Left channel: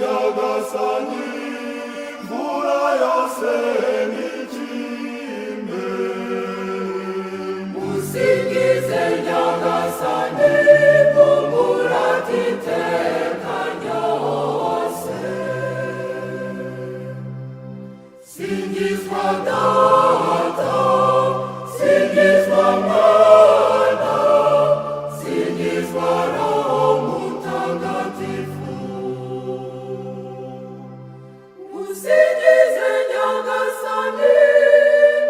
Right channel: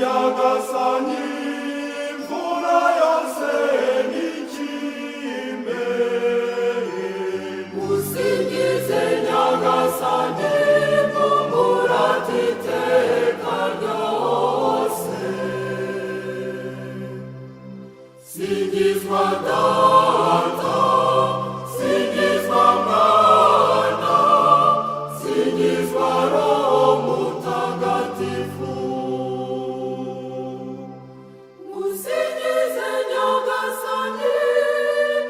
nyagasani mvura yose n'ikime musingize nyagasani mumurate iteka ryose singizwa data singizwa mwana singizwa roho mutagatifu musingize nyagasani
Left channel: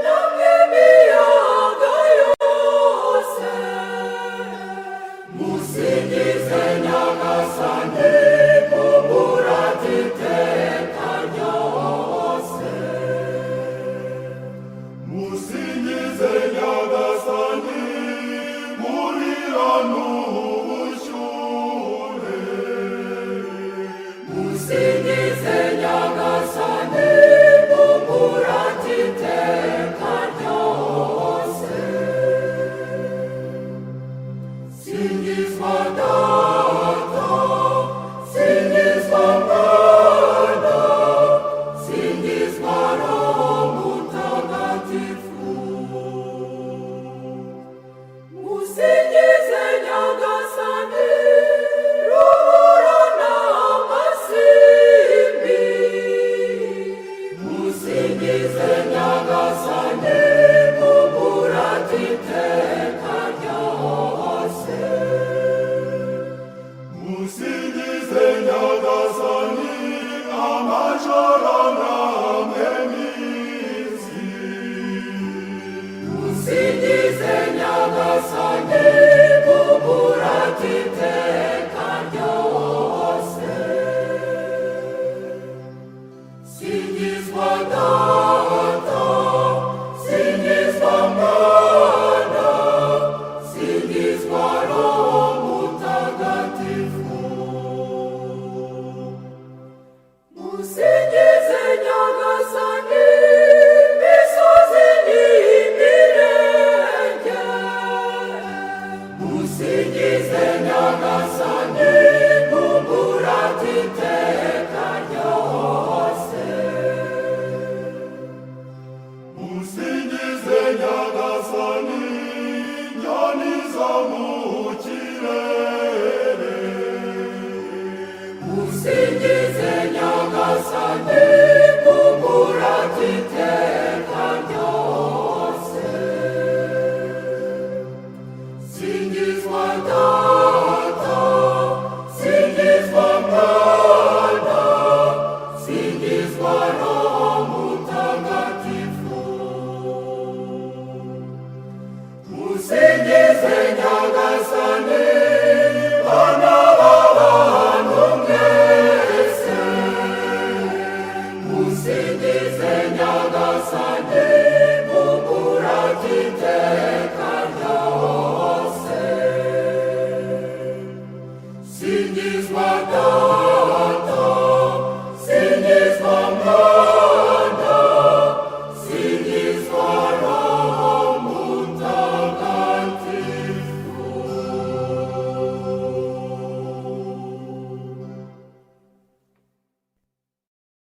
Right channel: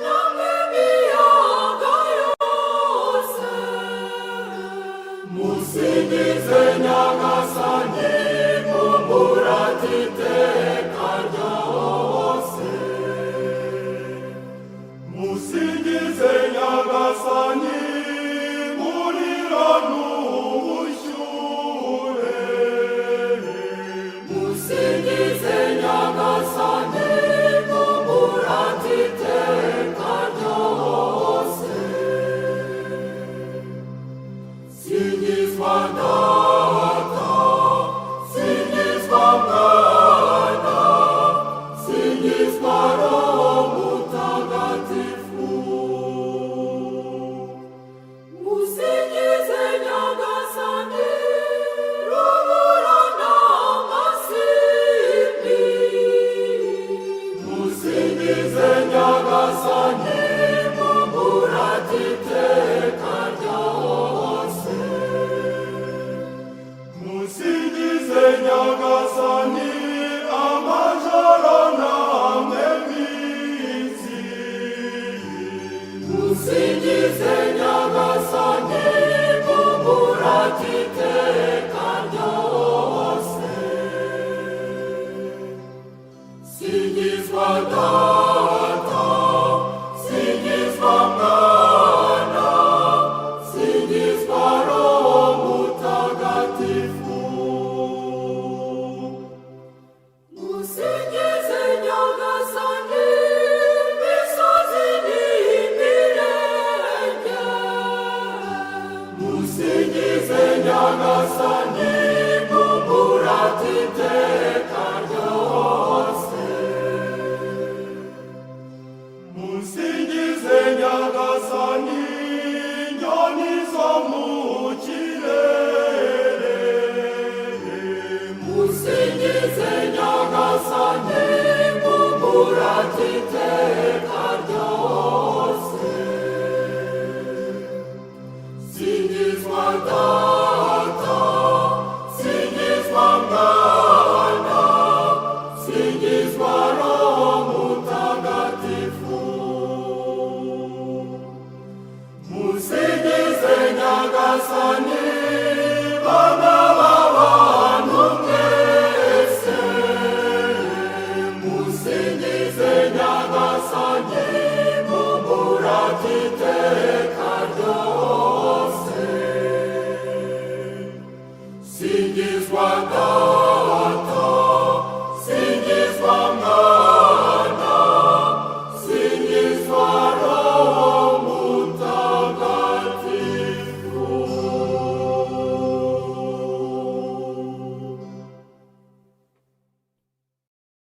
namwe miyaga yose musingize nyagasani mumurate iteka ryose musingize nyagasani murira n'ubushyuhe musingize nyagasani mumurate iteka ryose singizwa data singizwa mwana singizwa roho mutagatifu musingize nyagasani rubura n'amasimbi musingize nyagasani mumurate iteka ryose musingize nyagasani amajoro namwe minsi musingize nyagasani mumurate iteka ryose singizwa data singizwa mwana singizwa roho mutagatifu musingize nyagasani misozi n'imirenge musingize nyagasani mumurate iteka ryose musingize nyagasani nyoni zo mu kirere